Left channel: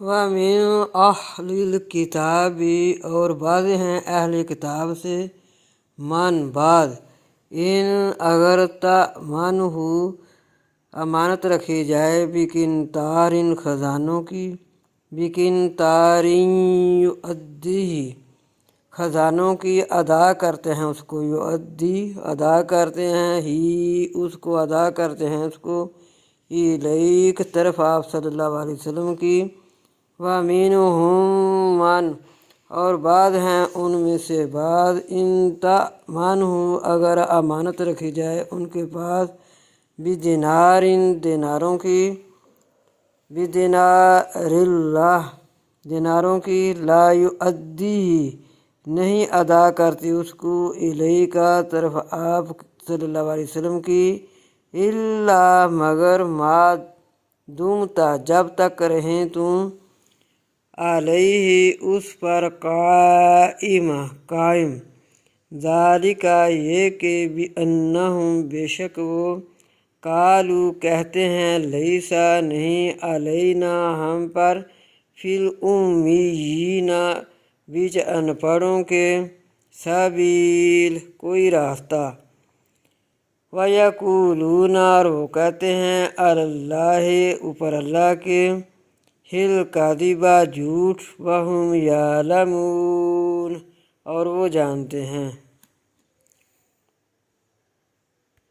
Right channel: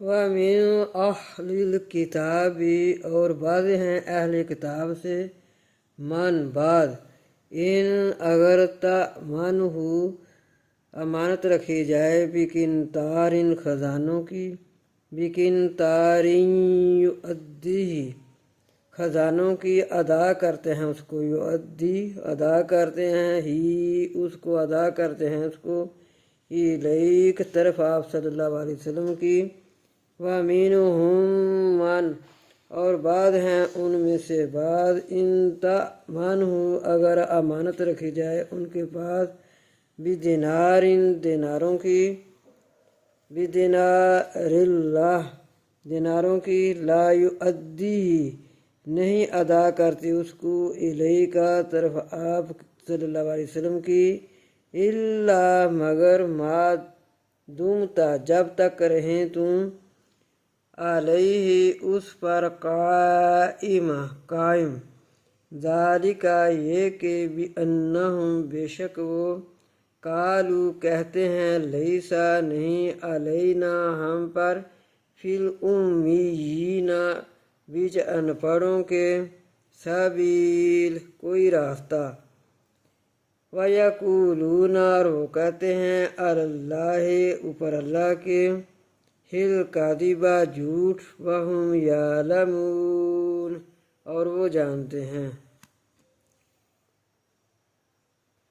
وَمِنْ أَهْلِ الْكِتَابِ اور بعض ہیں اہل کتاب سے، من بعد، ان اگر تأمن ہو امانت رکھی جائے، بقنطار خزانوں کی، بقنطار یؤدیہ خزانوں کی ادا کرتے ہیں اس کو، یؤدی ادا کرتے ہیں، ہی اس کو ادا کرتے ہیں اس کو، الیک طرف آپ صلی اللہ علیہ وسلم کی، وَمِنْهُمْ مَنْ اور بعض ہیں ان میں سے بعض، ان تأمنہ اگر امانت رکھی جائے ان کے پاس، بدینار دیناروں کی، بدینار اللہ دیناروں کی، لا یؤدیہ نہیں ادا کرتی اس کو، الیک طرف آپ صلی اللہ علیہ وسلم کی، الا مگر ما دمت جب تک رہیں تم، علیہ اس پر، قائم، ذالک یہ کہ بأنہم بے شک وہ، قالوا کہتے ہیں، لیسا نہیں، علینا ہم پر، فی الامیین بیچ ان پڑھوں کے، سبیل کوئی راستہ، وَيَقُولُونَ اور وہ کہتے ہیں، علی اللہ اوپر اللہ کے، الکذب جھوٹ، وَهُمْ یعلمون اور وہ جانتے ہیں۔